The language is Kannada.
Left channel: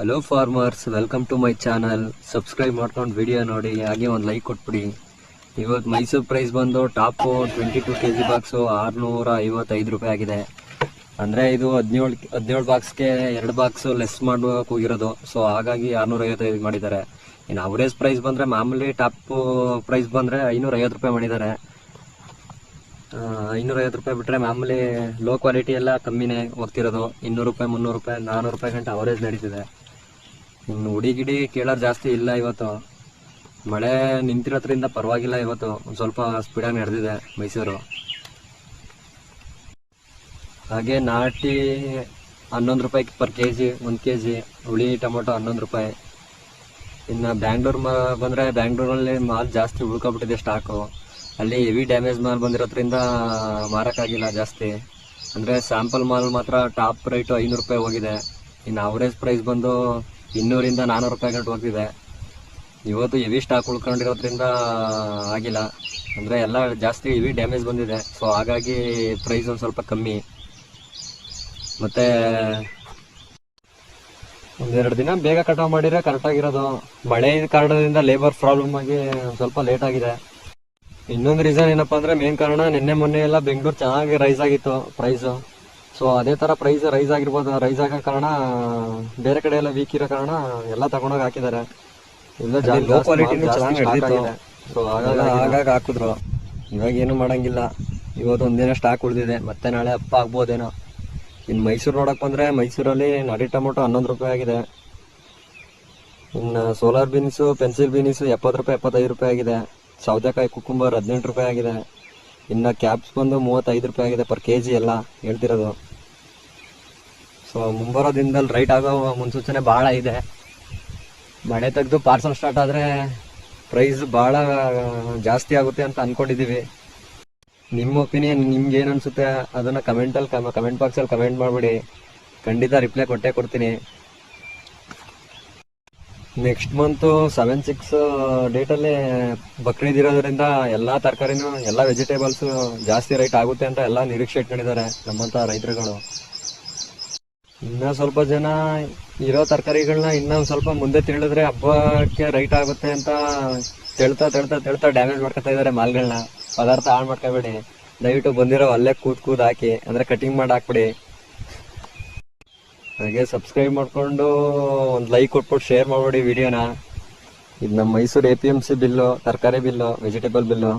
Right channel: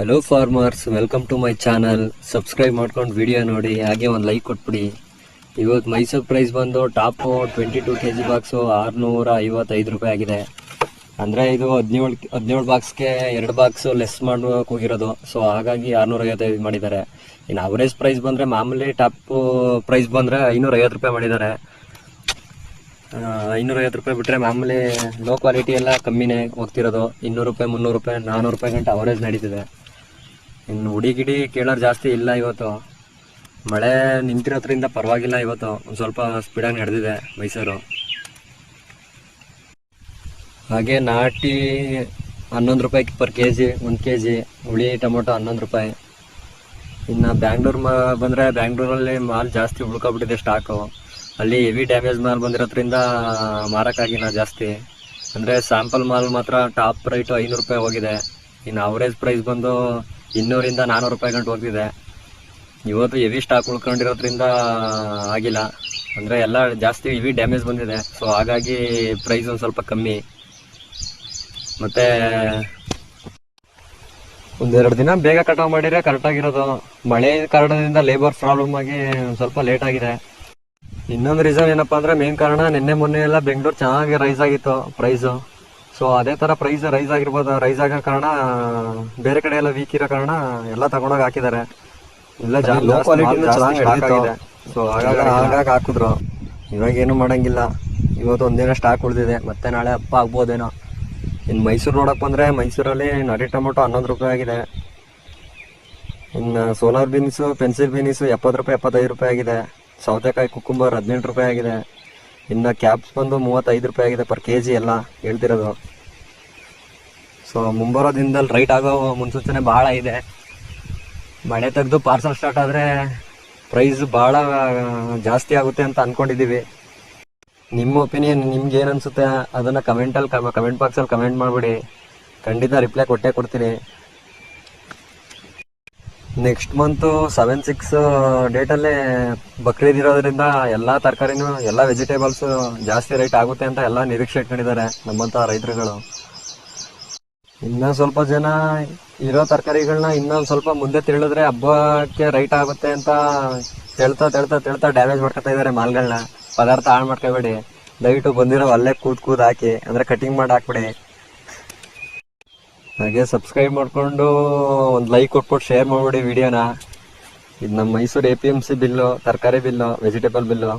Hello farmers, welcome to my channel. Subscribe ಮಾಡ್ಕೊಂಡು ವಿಡಿಯೋ ನೋಡಿ, ಹಾಗೆ ಒಂದು ಲೈಕ್ ಕೊಟ್ಬಿಡಿ. ಇವತ್ತು ಮೈಸೂರು ಪ್ರೈಸ್ ಬಂದು ಟಾಪು 22 kg ಬಾಕ್ಸು 655 ರೂಪಾಯಿ ಆಗಿದೆ. ಅಂದರೆ ಇದು 17 ಬಾಕ್ಸ್ಗೆ 2 ಬಾಕ್ಸು ಲೆಸ್ ಮಾಡೋಕೆ ಹೋಗಿರೋದು. ಸೊ ಹಾಗಾಗಿ 655 ಮಾಡಿದ್ದಾರೆ. ಇನ್ನು ಅವರೇಜ್ ಪ್ರೈಸ್ ಬಂದರೆ, ಮಾಮೂಲಿ ಟಾಪು ಪ್ರೈಸ್ ಬಂದರೆ 550 ರೂಪಾಯಿ ಮಾಡಿದ್ದಾರೆ. 550 ರೂಪಾಯಿ ಬಿಟ್ಟರೆ ಮಾಮೂಲಿ ಲೋ ಕ್ವಾಲಿಟಿ ಎಲ್ಲ ಕಮ್ಮಿನೇ ಹೋಗ್ತಿರೋದು. 200 ರೂಪಾಯಿ, 300 ರೂಪಾಯಿ, 400 ರೂಪಾಯಿ ಗಂಟೆ ಅವರೇಜ್ ನಡೀತಿದೆ. ಇನ್ನು ಹುಡಿ ಕೇಳೋರು ಜಾಸ್ತಿ ಇಲ್ಲ. ಇವತ್ತು ಮಳೆ ನಿಂತಿರೋದ್ರಿಂದ ಪರವಾಗಿಲ್ಲ. ಇವತ್ತು ಒಂದು ಸ್ವಲ್ಪ ಸ್ಪೀಡಾಗಿ ನಡೆದಿದೆ ಮೈಸೂರು. ಹಾಗೆ ನಾಟಿ 11 ರೂಪಾಯಿ ಪರ್ ಕೆ ಜಿ, 1 kg. ಹುಳಿ ಟೊಮೊಟೊ 11 ರೂಪಾಯಿ. ಇನ್ನು ಬ್ಯಾಂಗ್ಳೂರು ಬಂದರೆ, ಬ್ಯಾಂಗ್ಳೂರಲ್ಲಿ ಮಾಲ್ ಜಾಸ್ತಿ ಉಳ್ಕೊಬಿಟ್ಟಿದೆ ಸ್ಟಾಕು. ಅಲ್ಲಿ ಹೆವಿ ಡ್ಯಾಮೇಜ್ ಮಾಲ್ ಬಂದಿರೋದ್ರಿಂದ ಮಾರೋಕ್ಕಾಗಿಲ್ಲ ಜಾಸ್ತಿ. ಅಂದರೆ ಸ್ಯಾಂಪಲ್ ಮಾಲ್ ಮಾತ್ರ ಟಾಪ್ ರೈಟು 500 ರೂಪಾಯಿ ಹೋಗಿದೆ. ಇನ್ನು ಅವರೇಜ್ ಪ್ರೈಸ್ ಬಂದು 200ರಿಂದ 400 ರೂಪಾಯಿ ಗಂಟು ಹೋಗ್ತಿದೆ. ಇವತ್ತು ಹೆವಿ ಸ್ಟಾಕ್ ಉಳ್ಕೊಂಡಿರೋದ್ರಿಂದ ಆಗಿಲ್ಲ. ಅಂದರೆ ಎಲ್ಲ ಜಾಸ್ತಿ ಹೆವಿ ಡ್ಯಾಮೇಜ್ ಬಂದಿದೆ. ಸೊ ಹಾಗಾಗಿ ಪ್ರೈಸ್ ಒಂದು ಸ್ವಲ್ಪ ಕಮ್ಮಿ. ಮತ್ತು ಒಂದೆರಡು ದಿನ ಬೇಗ ಕಟಾವು ಮಾಡಿದರೆ ಕರೆಕ್ಟಾಗಿರೋದು. ಮಳೆ ಕಾರಣದಿಂದ ಲೇಬರ್ ಪ್ರಾಬ್ಲಮ್ ಆಗಿ ಒಂದು ಸ್ವಲ್ಪ ಲೇಟ್ ಆಗಿದೆ. ಇನ್ನೊಂದು ರೀಸನ್ ಏನಪ್ಪ ಅಂದರೆ, ಮೇನ್ ಕಾರಣ ನಿನ್ನೆ ಮೊನ್ನೆ ಎಲ್ಲ ಬೆಂಗಳೂರು ಚೆನ್ನಾಗಿ ರೈಸ್ ಆಗಿತ್ತು ಪ್ರೈಸು. ಸೊ ಅದೇ ಥರ ಪ್ರೈಸ್ ರೈಸ್ ಆಗಿರ್ಬೋದು. ರೈಸ್ ಆಗೋ ಕಾರಣ ಬೇರೆ ಕಡೆ ಎಲ್ಲ ವೀಕ್ ಇರೋ ಕಾರಣ ಎಲ್ಲ ತಗೊಂಡೋಗಿ ಹಾಕಿದ್ದಾರೆ. ಇಲ್ಲ ಲೋ ಕ್ವಾಲಿಟಿನೂ ಚೆನ್ನಾಗಿ ಆಗಿದೆ. ಸೊ ಹಾಗಾಗಿ ಹಾಕಿದ್ರು. ಇವಾಗ ಏನು ಮಾಡೋಂಗಿಲ್ಲ. ಇವತ್ತು ಒಂದಿನ ಸ್ಟಾಕ್ ಉಳಿದಿದೆ. ಮತ್ತೆ ನಾಳೆ ಹಬ್ಬ ಆಗ್ಬೋದೇನೋ. ಇನ್ನು ಮೈಸೂರು ನೋಡೋಕೆ ಬಂದರೆ, ಮೈಸೂರಲ್ಲಿ ನಾಟಿ ಟೊಮೊಟೊ 11 ರೂಪಾಯಿ ಆಗಿದೆ. ಇನ್ನು ಸೋಲಾರ್ ಬೀನ್ಸು, ಪೆನ್ಸಿಲ್ ಬೀನ್ಸು 70 ರೂಪಾಯಿ, 75 ರೂಪಾಯಿ ಆಗಿದೆ. ಸೌತೆಕಾಯಿ ಕುಕ್ಕುಂಬರ್ 18 ರೂಪಾಯಿ ಆಗಿದೆ. ಇನ್ನು ಕ್ಯಾಪ್ಸ್ ಬಂದು 35 ರೂಪಾಯಿ ಆಗಿದೆ ಪರ್ ಕೆ ಜಿ ಎಲ್ಲ ಹೇಳ್ತಿರೋದು. ಸೊ ಮುಂಬರೋ ದಿನದಲ್ಲಿ ರೈಟ್ ಆಗೋ ಮುನ್ಸೂಚನೆ ಭಾಳ ಇದೆ. ಮಳೆ ತೆಗೆದು ಪಾರ್ಸಲ್ ಸ್ಟಾರ್ಟ್ ಆದರೆ ಪ್ರೈಸ್ ಭಾಳ ಜಾಸ್ತಿ ಆಗುತ್ತೆ ಅಂತ ಅಂದ್ಕೊಂಡಿದ್ದೀವಿ. ನಿಮ್ಮ ಒಪಿನಿಯನ್ ನಿಮ್ಗೆ ಏನು ಅನಿಸುತ್ತೆ ಅದನ್ನು ಕಮೆಂಟ್ ಬಾಕ್ಸಲ್ಲಿ ಕಮೆಂಟ್ ಮಾಡಿಬಿಡಿ. ಖಂಡಿತ ರಿಪ್ಲೈ ಕೊಟ್ಟೇ ಕೊಡ್ತೀನಿ. ನೆಕ್ಸ್ಟ್ ಮಂತು 7-6 ಡೇಟಲ್ಲೇ ಬಕ್ರೀದ್ ಇರೋದ್ರಿಂದ ಎಲ್ಲ ತರಕಾರಿನೂ, ಎಲ್ಲ ವೆಜಿಟೇಬಲ್ಸು ಜಾಸ್ತಿ ರೇಟ್ ಆಗುತ್ತೆ ಅಂತ ಎಲ್ಲ ನಿರೀಕ್ಷೆ ಇಟ್ಕೊಂಡಿದ್ದಾರೆ ನಮ್ಮಂಥ ರೈತರುಗಳು. ಇನ್ನೂ ಸ್ವಲ್ಪ ಜನ ಇರೋ ತರಕಾರಿಗಳನ್ನ ಇನ್ನೊಂದು ಸ್ವಲ್ಪ ಮುಂದೆ ತಿಳಿದ್ರೆ ಹಬ್ಬಕ್ಕೆ ರೈಟ್ ಆಗುತ್ತೆ ಅಂತ ಹೇಳ್ತಾ ಡ್ಯಾಮೇಜ್ ಮಾಡ್ಕೊತಾ ಇದ್ದಾರೆ ಮಾಲ್ಗಳನ್ನ. ಪದಾರ್ಥ ಹಾಳು ಮಾಡ್ಕೋಬೇಡಿ. ದಯವಿಟ್ಟು ಬಂದಿರೋ ಅಲ್ಲೇ ಕೂದ್ ಹಾಕಿ, ಅಂದರೆ ಕಟಿಂಗ್ ಮಾಡಿ ಹಾಕ್ಬಿಡಿ. ಹಾಗೆ ಸಬ್ಸ್ಕ್ರೈಬ್ ಮಾಡಿಕೊಂಡು ಒಂದು ಲೈಕ್ ಕೊಟ್ಬಿಟ್ಟು ಶೇರ್ ಮಾಡಿಬಿಡಿ ವಿಡಿಯೋನ. ಇದು ನಮ್ಮ ಮೈಸೂರು APMC ಬಿಲ್ಲು, ತರಕಾರಿ ಬಿಲ್ಲು, ವೆಜಿಟೇಬಲ್ ಬಿಲ್ಲು.